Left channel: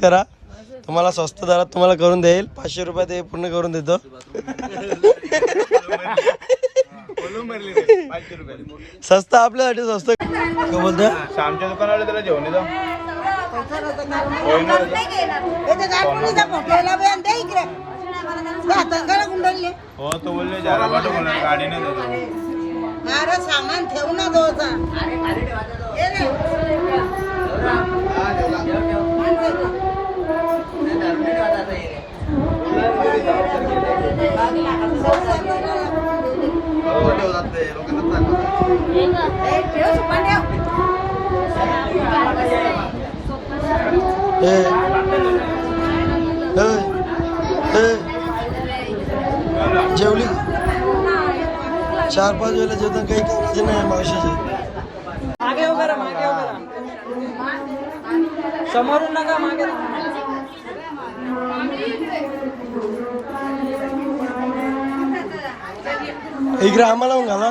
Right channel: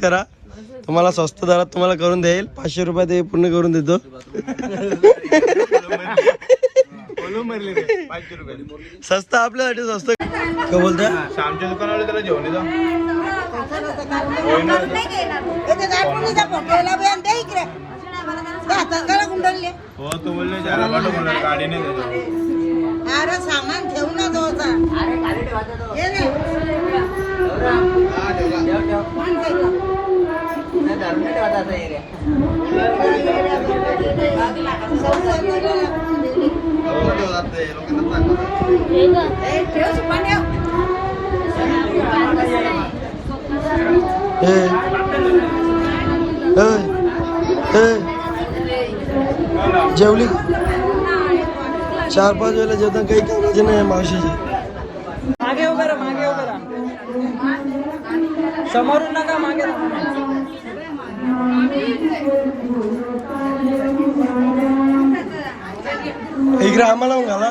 करा तुम्हाला स्वस्त दरात तुम्हाला करून देईल. 500 रुपये ते पूर्ण करून देतो. स्वस्त आपल्यासाठी स्वस्त काय बोलतो. आमच्या दुकानावर त्याला जेवण हो तो बोलले गाडीने सामान ठेवून जेवली 4-5 वेळेला जेवण काही कामाचे नाही मावशीचे. इकडे आम्हाला मग घाला.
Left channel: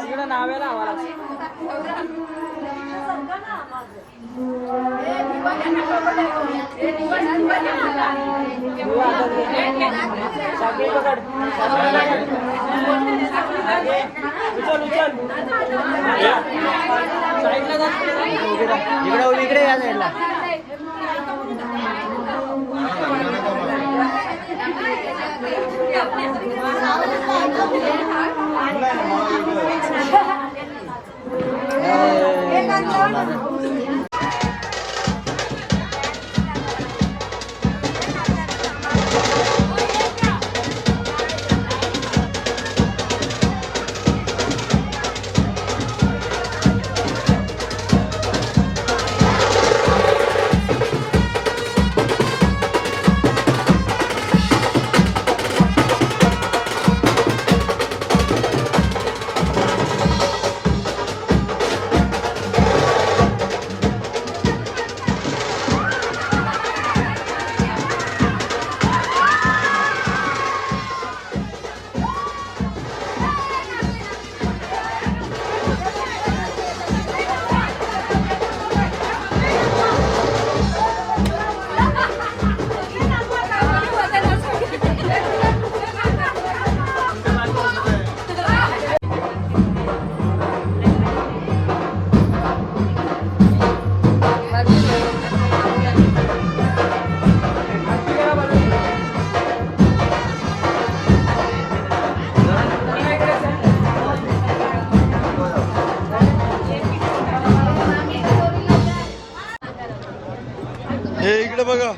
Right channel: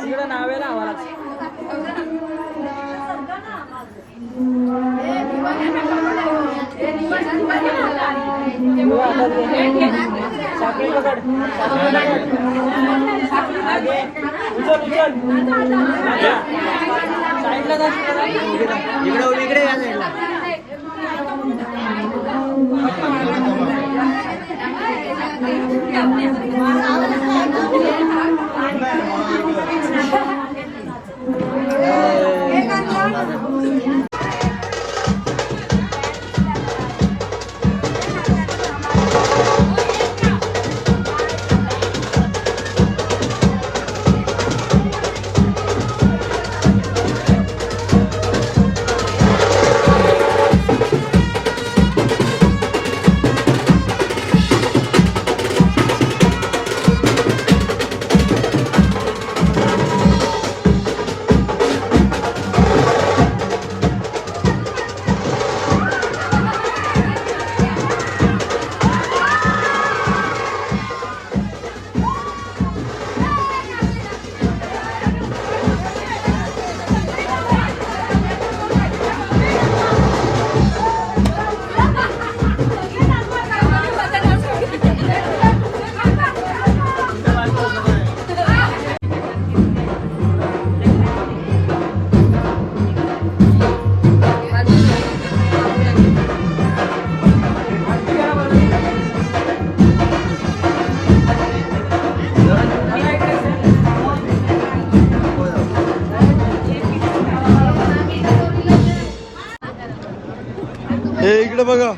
हे इकडे बघा.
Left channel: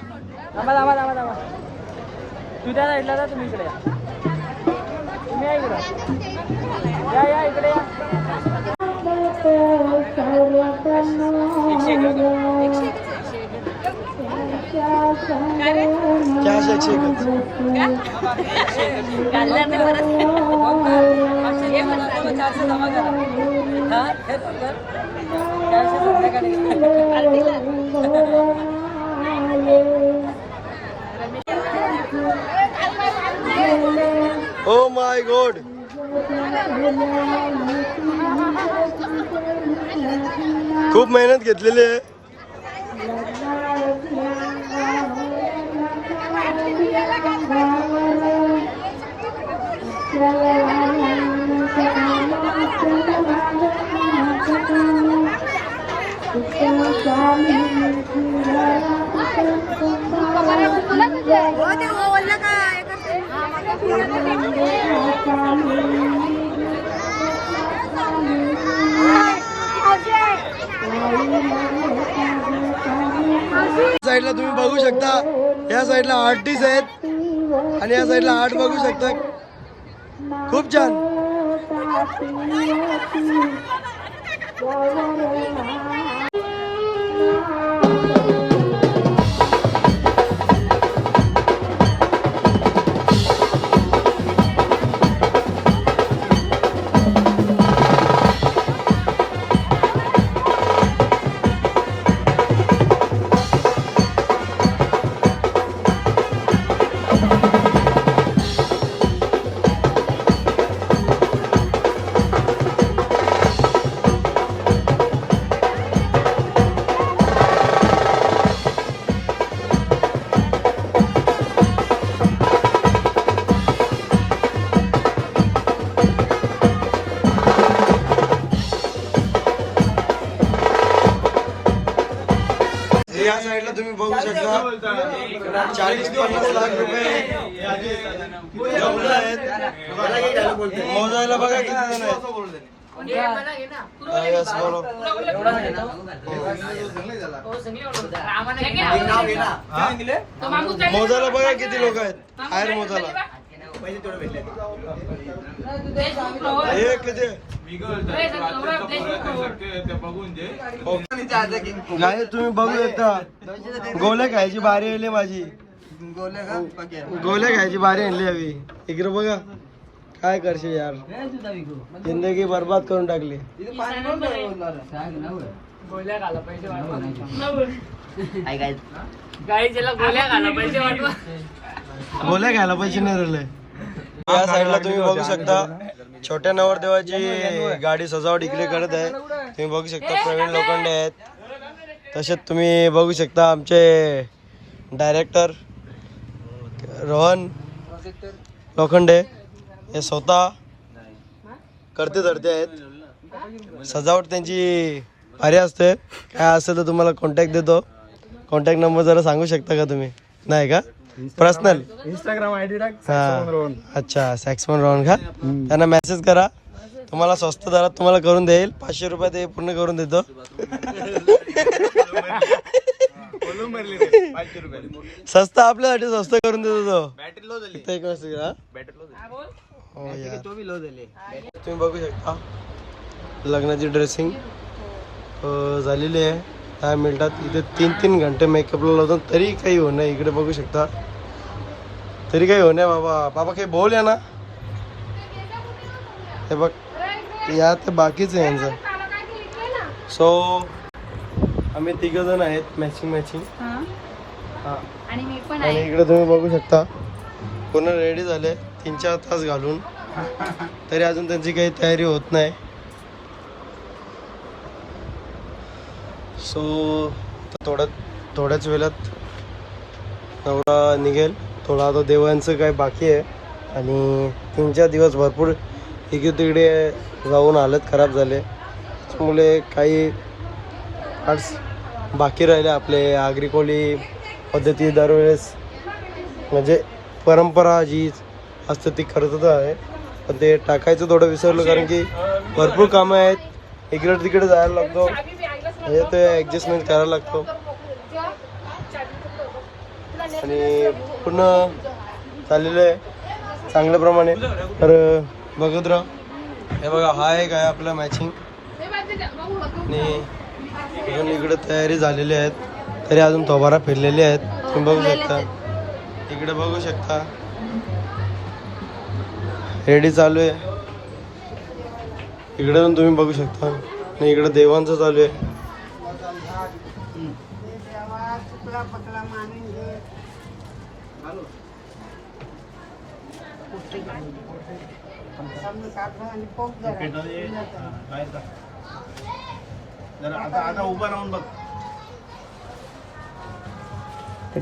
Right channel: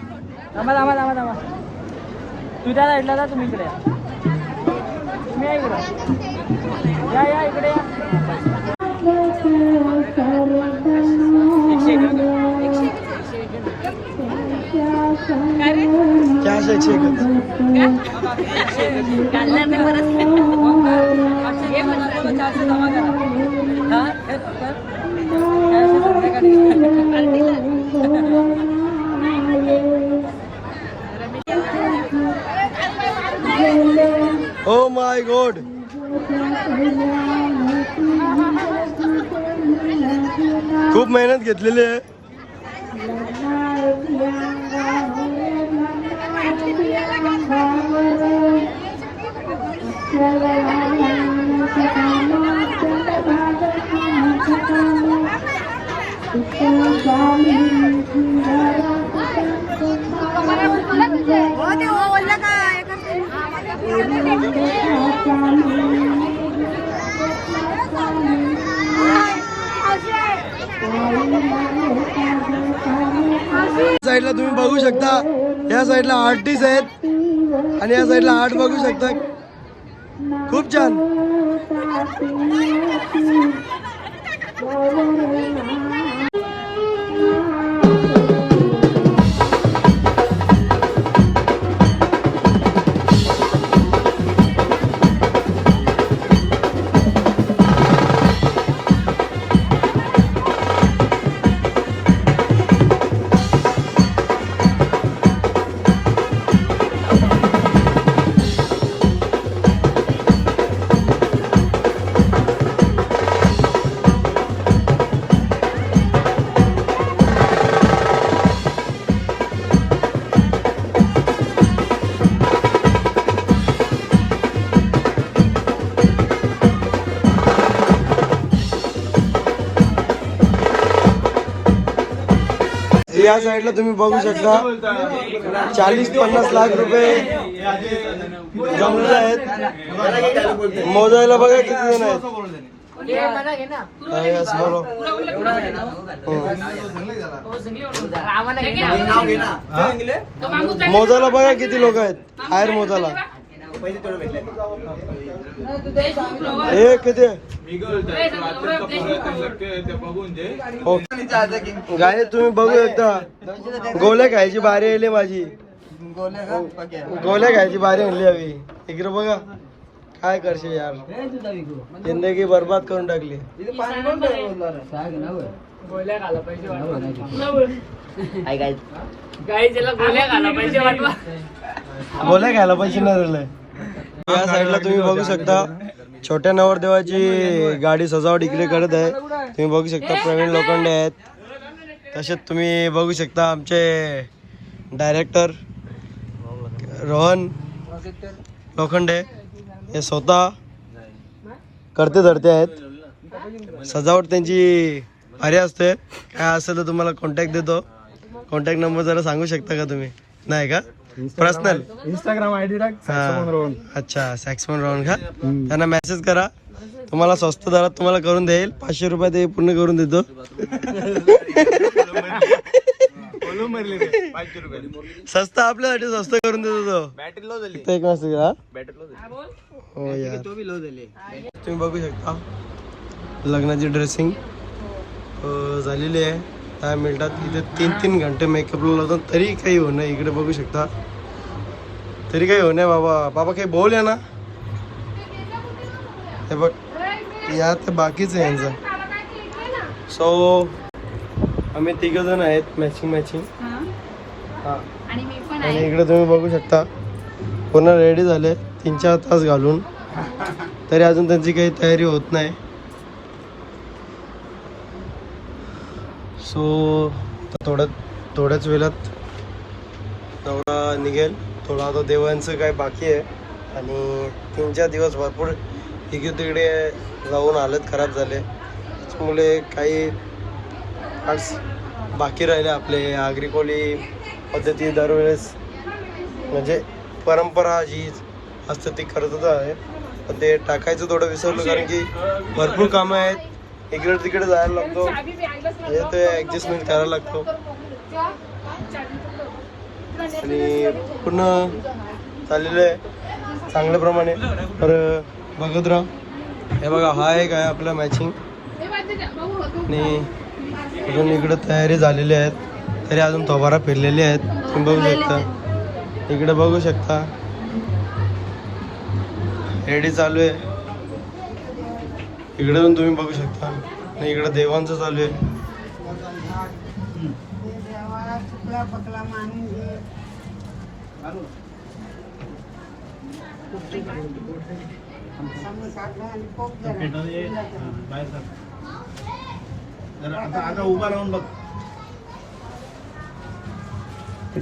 तू त्या साईडला जा. तुम्ही इकडे ओ माय गॉड. खूप मेहनत घेतलेली आहे. साईडला तुम्ही बघू शकता. या साईडला आर्टिस्ट आहेत आणि या साईडला आर्ट बघू शकता. खूप छान. या साईडला तुम्ही बघू शकता 40-50 लाख रुपये जमलेले आहेत. मोजायला बघा किती जण आहेत. यस बोलो. मोजायला बघा किती लोक आहेत. हायर मोजायला हे किती गाय तुम्ही बघू शकता. गोले खायची बारी आली माझी. गोले खायची बारी आणली हवी. इकडे बघा काय करशील यार. जिंदगी बर्बाद करून टाकली. गोल्या घाला पाहिजे गाई त्याला गोल्या घाला पाहिजे वाटवा. गोले खायला पैसे नाही राहिले. या साईडला तुम्ही बघू शकता छोट्या नवरदेवाची गाडी सजावट इकडे करत आहे. तुम्ही बघू शकता प्रवीण लोखंडे आहेत. तसेच तुम्ही बघू शकता आमचे डायरेक्टर रोहन लोखंडे हे स्वतः करते धरते आहेत. सजावट त्यांची भारी असते. काय असेल तर तुम्हाला कॉन्टॅक्ट देतो. कॉन्टॅक्ट नंबर जरा सांगू शकता का तुम्ही? नाही का पर्सनल इंस्टाग्राम आयडी टाक. अच्छा सॅक्समन रोहन का त्यांना मेसेज करा. तुम्हाला स्वस्त दरात तुम्हाला करून देईल. 500 रुपये ते पूर्ण करून देतो. स्वस्त आपल्यासाठी स्वस्त करून देतो तो. एक मेसेज का हो यार. तुम्ही बघू शकता लग्नाची ड्रेसिंग झालेली आहे. 10 मिनिटात. इथे 3-3 घंटे मेकअपला लावतो तरी काही होत नाही. इकडे बघू शकता तरी काही होत नाही. बाबा काही बोल या ना. हे बघ या तर बाकीच आहे यांचं. सो आम्ही 3 जण आहेत मॅचिंग. हां आणि इकडे तुम्ही बघू शकता पूर्ण रेडी झाले 3-4 तास घालून. तरी अजून त्यांची काही तयारी होत नाही. सो थोड्याच वेळात नवरा निघेल. थोडा आता देवांचं काय बाकी आहे. आणि 3-4 दिवस भरपूर इकडे तिकडे जाऊन हालत खराब झाले. त्यामुळे काही आज बाकी राहिले आपले आगरी कोळी पद्धती दरवेळेस म्हणजे परंपरा जी असते ती करतच आहे. पण ते टाकायचं थोडं विसरलं कारण की भरपूर कामं आहेत. इकडे तिकडे जायला लागतो म्हणजे ते ॲडजस्टमेंट करायला लागतो. आणि पूर्ण चाललेलं आहे चांगल्याप्रमाणे. तर बघत राहा. हे बघा हा एक आहे आपला मॅचिंग. आणि अजून इकडे तयारी झालेली आहेत. तरी अजून तोबारा फिरलेले आहेत. तुम्ही बघू शकता. इकडे बघू शकता रेडी चालू आहे. इकडे पण तुम्ही बघू शकता. आणि इकडे देवांचं चालू आहे. आता उभा राहून बघ.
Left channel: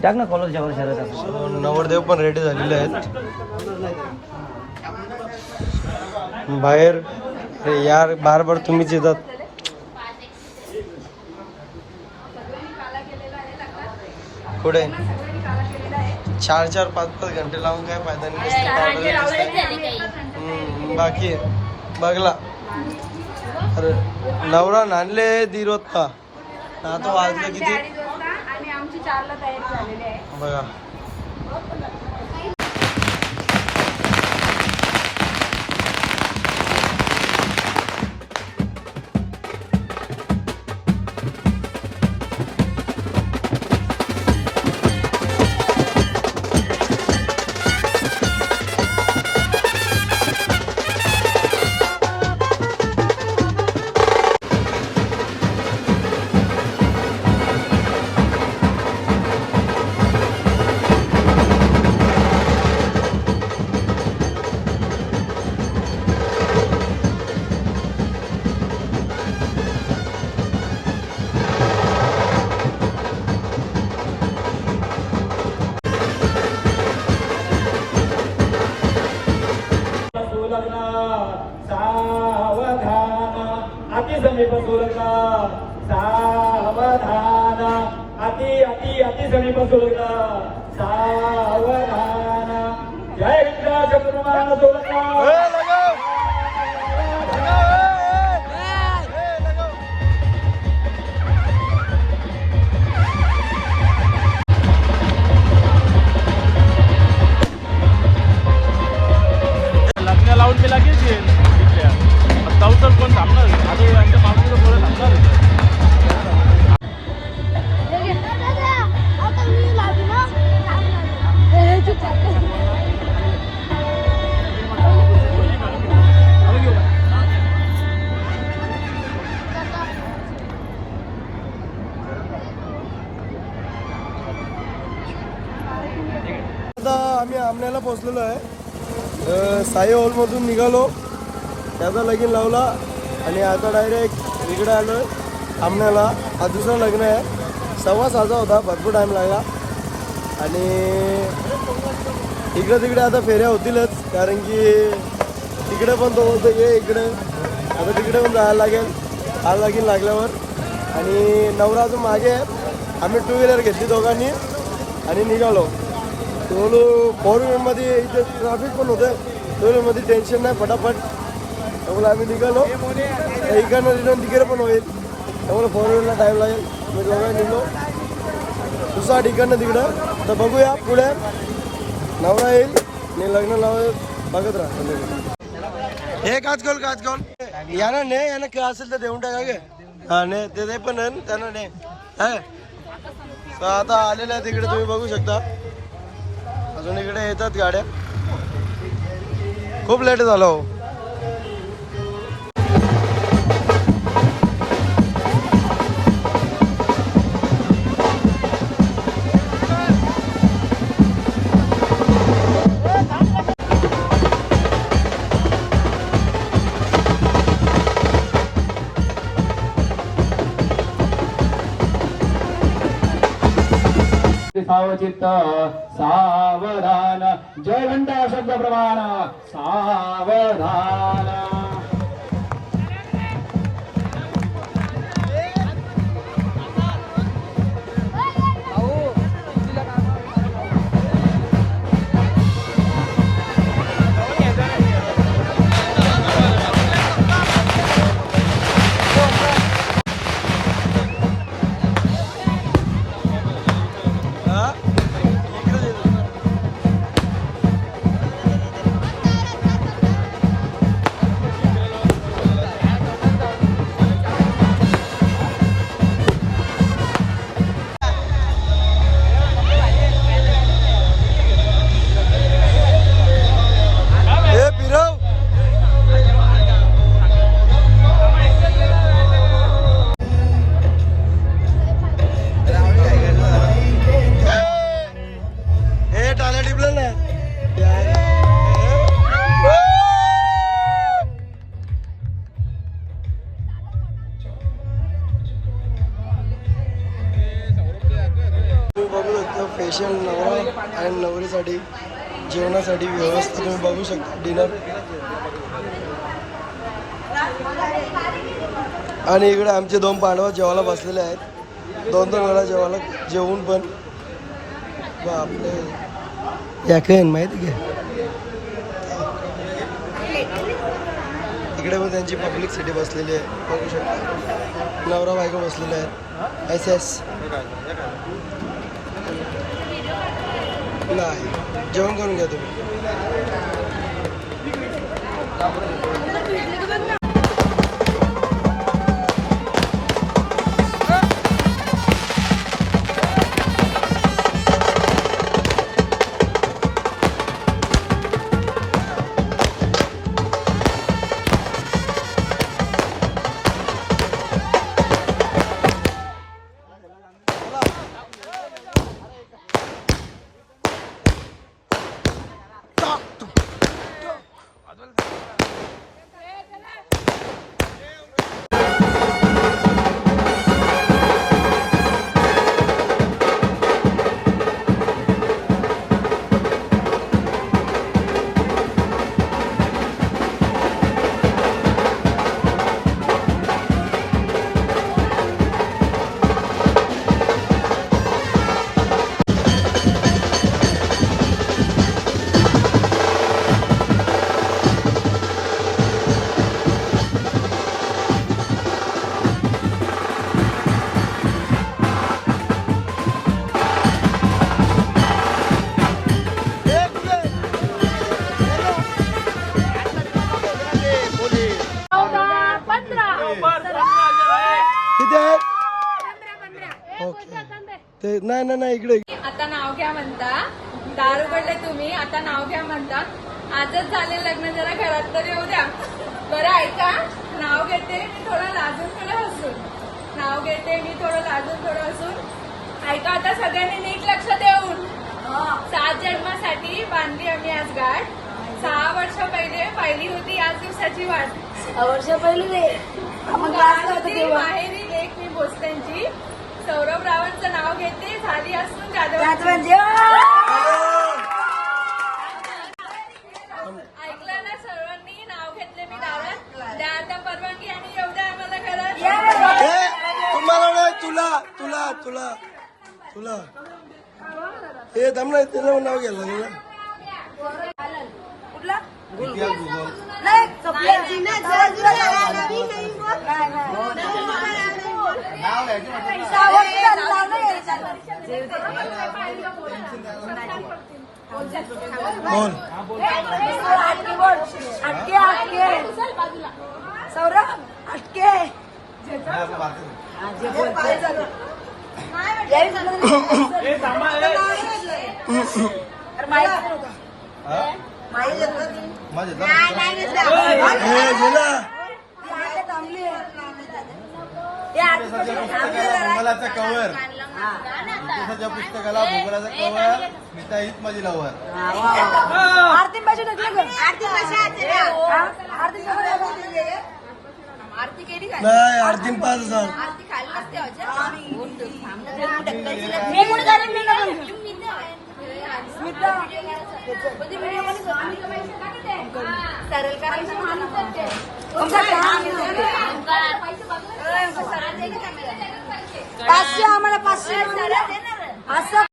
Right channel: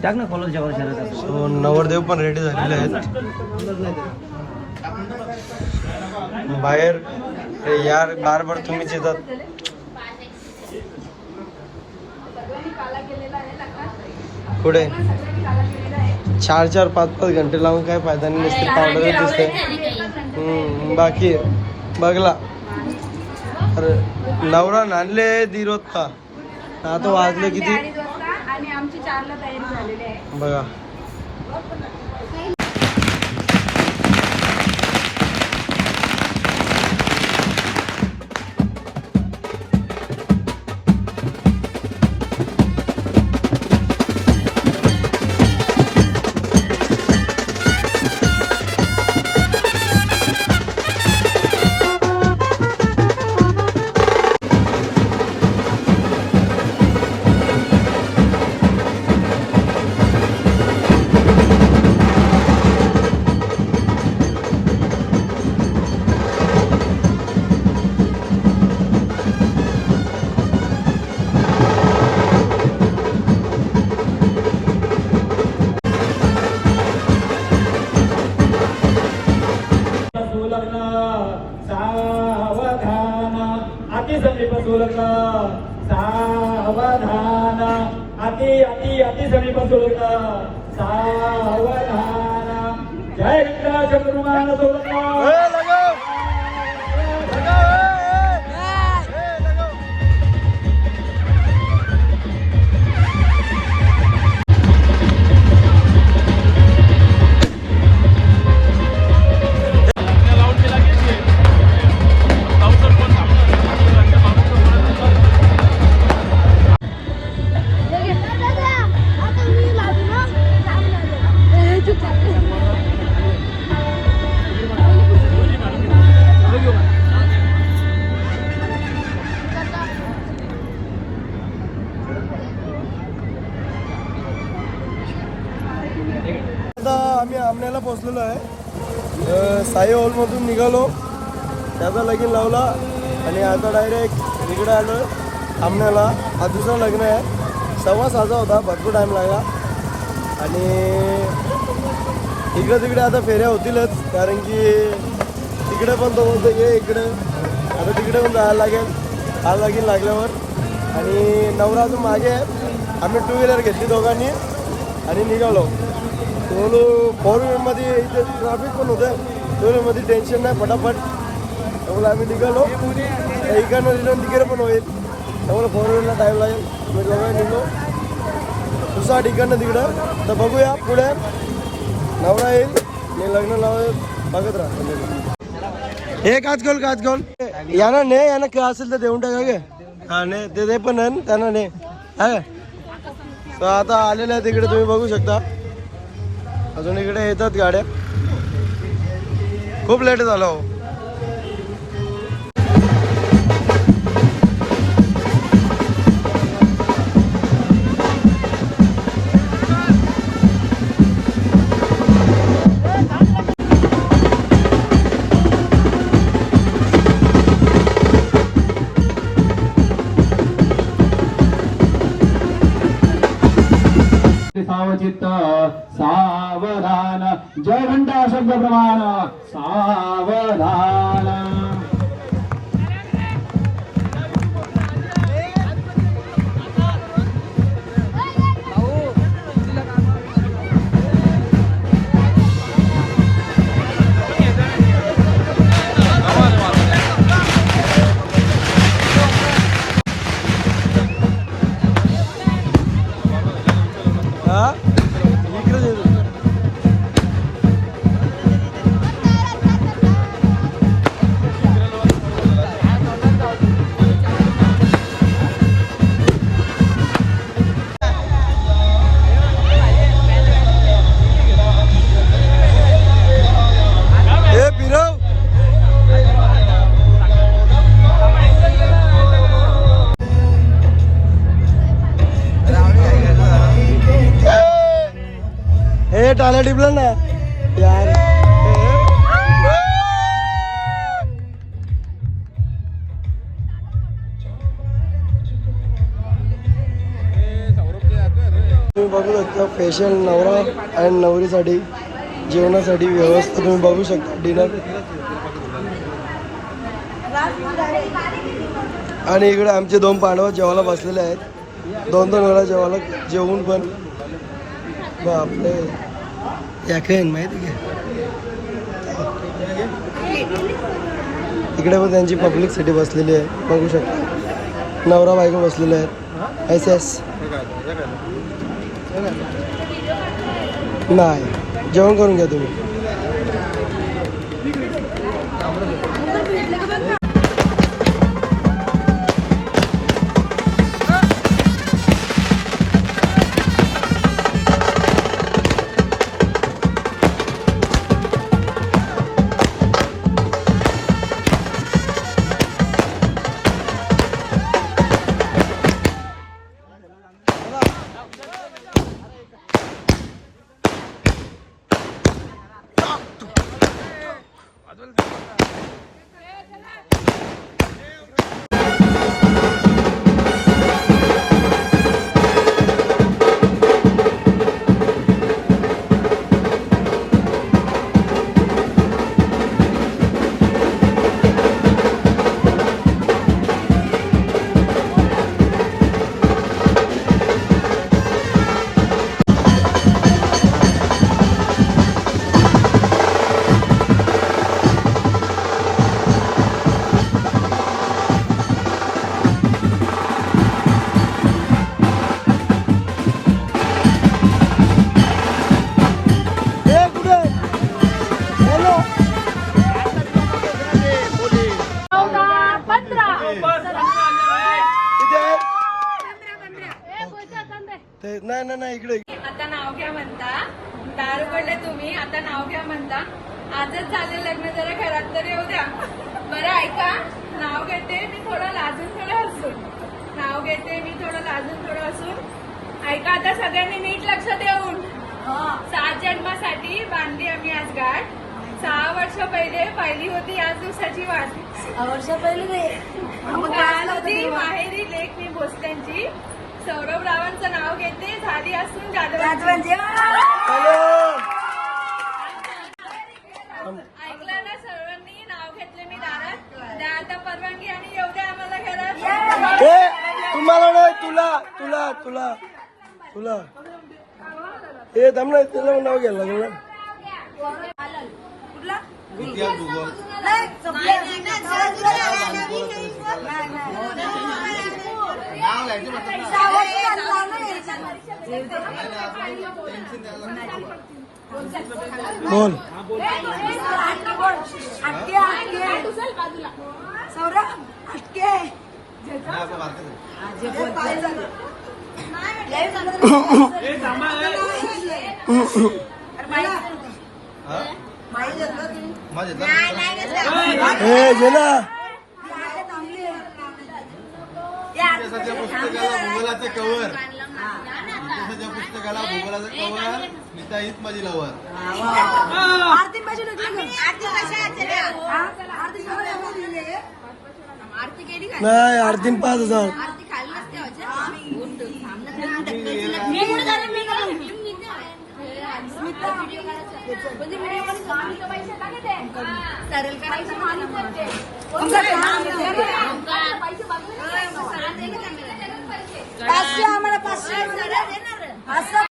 टाक ना कॉलेज जवळ. सो नवरदेव पण रेडी झालेले आहेत. बाहेर यार बार तुम्हीच येतात. पुढे 4-4, 5-5 घंटे लावून काय फायदा नाही. नुसते पावडर दिसते. बाकी बघला अरे नवरा नांदले दीर होत का. आता वाजले किती बघा. बाकी सगळी पण सोडता सावधान जय गंगा शंकरुमाना सोडता आता आम्ही आमण्याला पोहोचलेलो आहे. साई हॉलमधून निघालो, त्याचा लगीन लावला आणि आता डायरेक्ट इकडे आलो आमण्याला. हा दुसरा लग्न आहे. 6:15 होता, भरपूर टाईम लागला. आणि इकडे तिकडे आता फेऱ्या होतीलच, कारण की तिकडे पण तो बोलतो की इकडे आता तिकडे पण जायला लागेल हा लगीन लागल्यावर. आणि नवरा अजून मागे आहे. आम्ही 2 व्हीलर घेतली दोघांनी आणि निघालो. बोलू 4 व्हीलरमध्ये इथे ट्रॅफिक पण होतं, 2 व्हीलरमध्ये टेन्शन नाही, फटाफट. त्यामुळे आम्ही निघालो. तर इकडनं रिटर्न तिकडे पण होईल, त्यामुळे 4 व्हीलरला टाईम लागेल. मी दोघांनी निघलो दुसरा ठिकाणं तिकडं. तर बघूया पुढे नवरा येईल, मी लग्न लाव बघत राहा. हे काच याना ने याना काय असेल तर देऊन टाका गे. हा ने ते पण आहे त्यांना ने. तर आता आलेलं आहे तिकडे, तुम्ही बघू शकता. अजून इकडे येतात गाड्या. खूप लेट झालं हो. सावचित्त सावधान जय घंटा शब्द प्रमाण सावधान. टाल्या टिपला ना यार. तुम्ही बघू शकता स्पेशल नवरा अँड नवरीसाठी जेवणासाठी व्यवस्था तुम्ही बघू शकता. डिनर आणि इकडे आमचे 2 पांडव जेवायला बसलेले आहेत. 2-2 वेळा जेवायला जेवून पण बापरे याकेन माहिती की इकडे पण त्यांची पब्लिकसाठी बसलेली आहे. बघू शकता नवरा बायको बसलेले आहेत. एस नाही जेवण करून घ्या तुम्ही. ना इकडे. आता नाव घ्या म्हणता, दारू उघडले तुम्ही, आता नाव घ्या म्हणता. आजच झाले लग्न, जरा घरात तर येऊ द्या. बरं ऐका, नाव घेते मी थोडं लाजून थोडं हसून. नाव घेते मी थोडं लाजून थोडं हसून. ऐका आता सगळ्यांनी नीट लक्ष देऊन. 7 जन्मासाठी बांधली आम्ही आज गाठ. 6 वर्ष पहिले पाहिली होती आज दिवसाची वाट. 6 वर्ष पहिले होती माहेरी लेक मी भोसल्यांची. सौरभ रावांचं नाव घेते, झाली असून जाधवांची. ऐकलं ना सर्वांनी, नाव घेतले मी दारात. द्या आता परवानगी आणि येऊ द्या आम्हाला घरात. तुम्हाला नाही, तुला तुला तुला तुला हे थांब ना, तुला नाव घ्यायला लागेल ना. इतिहास भूगोल नाव घ्यायचं बोल. हे गेला इतिहासाच्या पुस्तकाला भूगोलाचा कवर. इतिहासाच्या पुस्तकाला भूगोलाचा कवर. स्मिता हीच माझी लवर. नाही, आरतीन 5,000. सरळ करायचं माणूस आम्हाला 500